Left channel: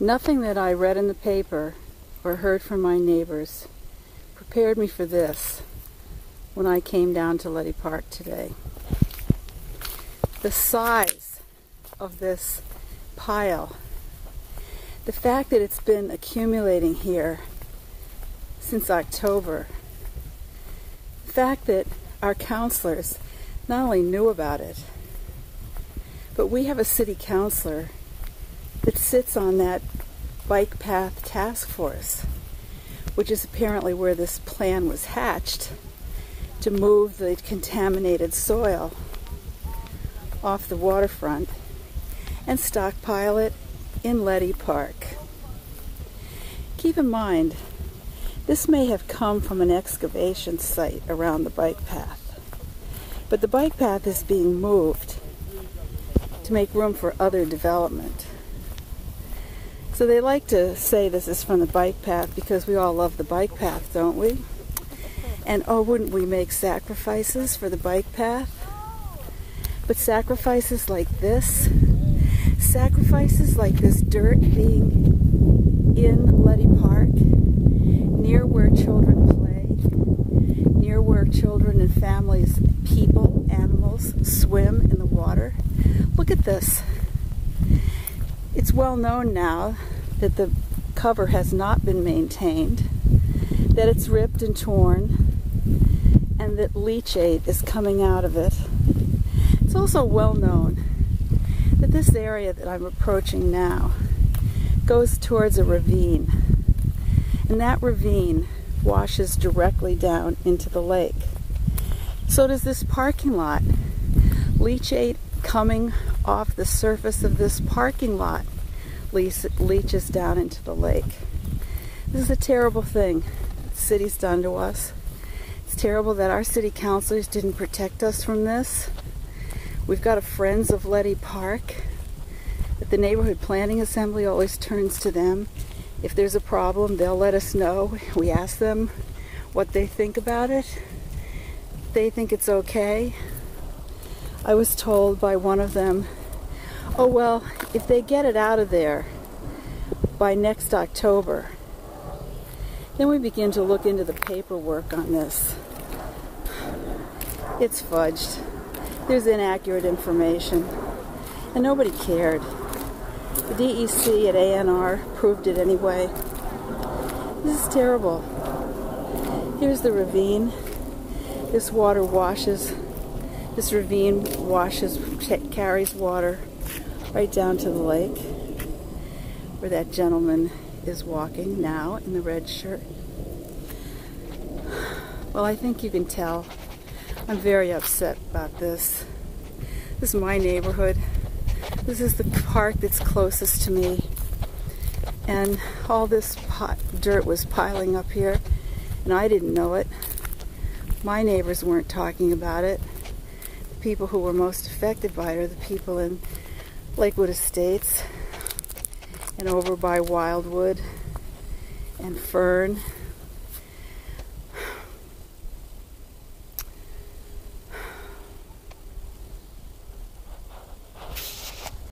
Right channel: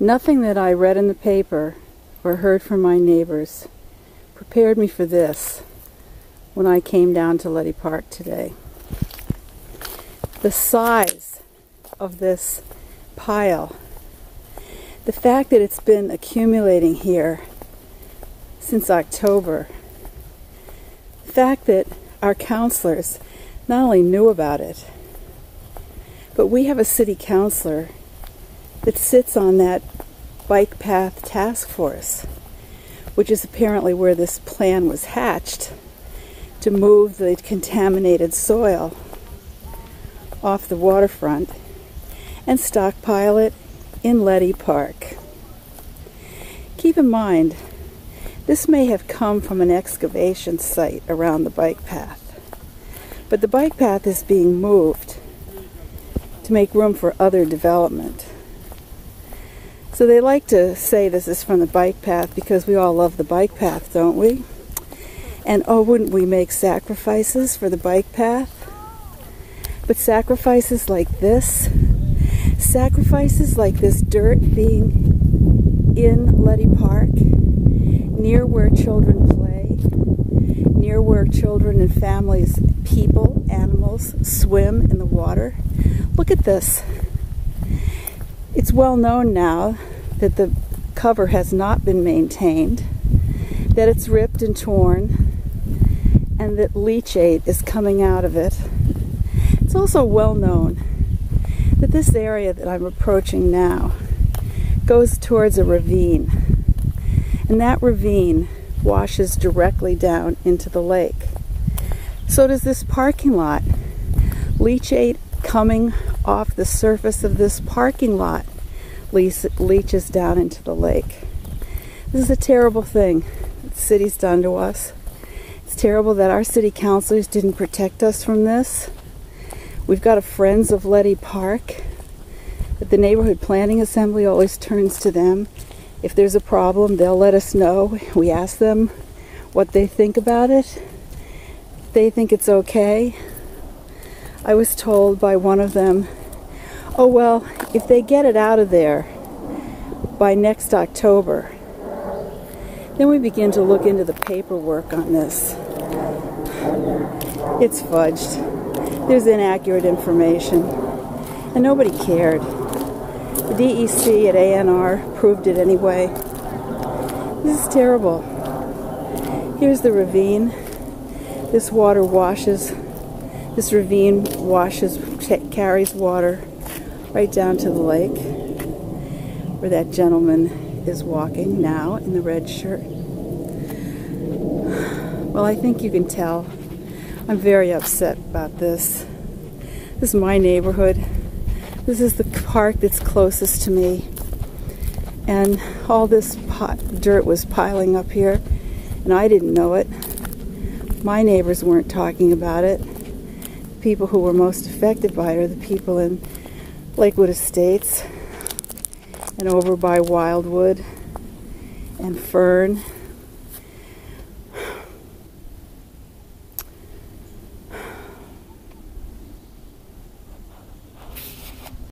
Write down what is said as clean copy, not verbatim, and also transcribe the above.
Nothing that I read in the paper or heard from my neighbors prepared me for this when I came down to Leddy Park today. The size of this pile, the fact that it's been accumulating here since October, the fact that our counselors not only knew about it, but we have a city councilor that sits on that bike path task force, which is apparently where this plan was hatched to move the contaminated soil off the waterfront and stockpile it in Leddy Park. Keep in mind, this may have come from an excavation site around the bike path, but the bike path is being moved to make room for other development. So they like to say this is from the bike path because we all love the bike path, don't we? And oh, wouldn't we make sacrifices for the bike path? But sacrifices like this dirt being in Leddy Park, near where children play, near where children and families, people, animals swim in the water. Look at this. It's well known now that the cover has not been maintained, that it's ripped and torn, and that leachate is coming out of it. It's also well known that this area that I'm approaching now goes towards a ravine, and that ravine washes directly down into the lake. So does this parking lot. Leachate coming off the surface of this parking lot leaches down into the lake. This is a terrible thing that the city's done to us. It's terrible that our city councilors didn't protect us from this. We've got a Friends of Leddy Park, but the Neighborhood Planning Assembly always turns to them. If there's a problem, they'll let us know. We ask them what they think about it. They think it's okay. I was told by one of them, oh well, if they get it out of there by next October, then we begin to look into the paperwork on this. It's fudged. There's inaccurate information, and nobody cared. The DEC at ANR proved it anyway. This is terrible. Here's the ravine. This water washes. This ravine carries water right down to the lake, where that gentleman is walking now in the red shirt. Well, I think you can tell I'm very upset about this. This is my neighborhood. This is the park that's closest to me. And all this dirt was piling up here, and I didn't know it. My neighbors weren't talking about it. The people who were most affected by it are the people in Lakewood Estates and over by Wildwood and Fern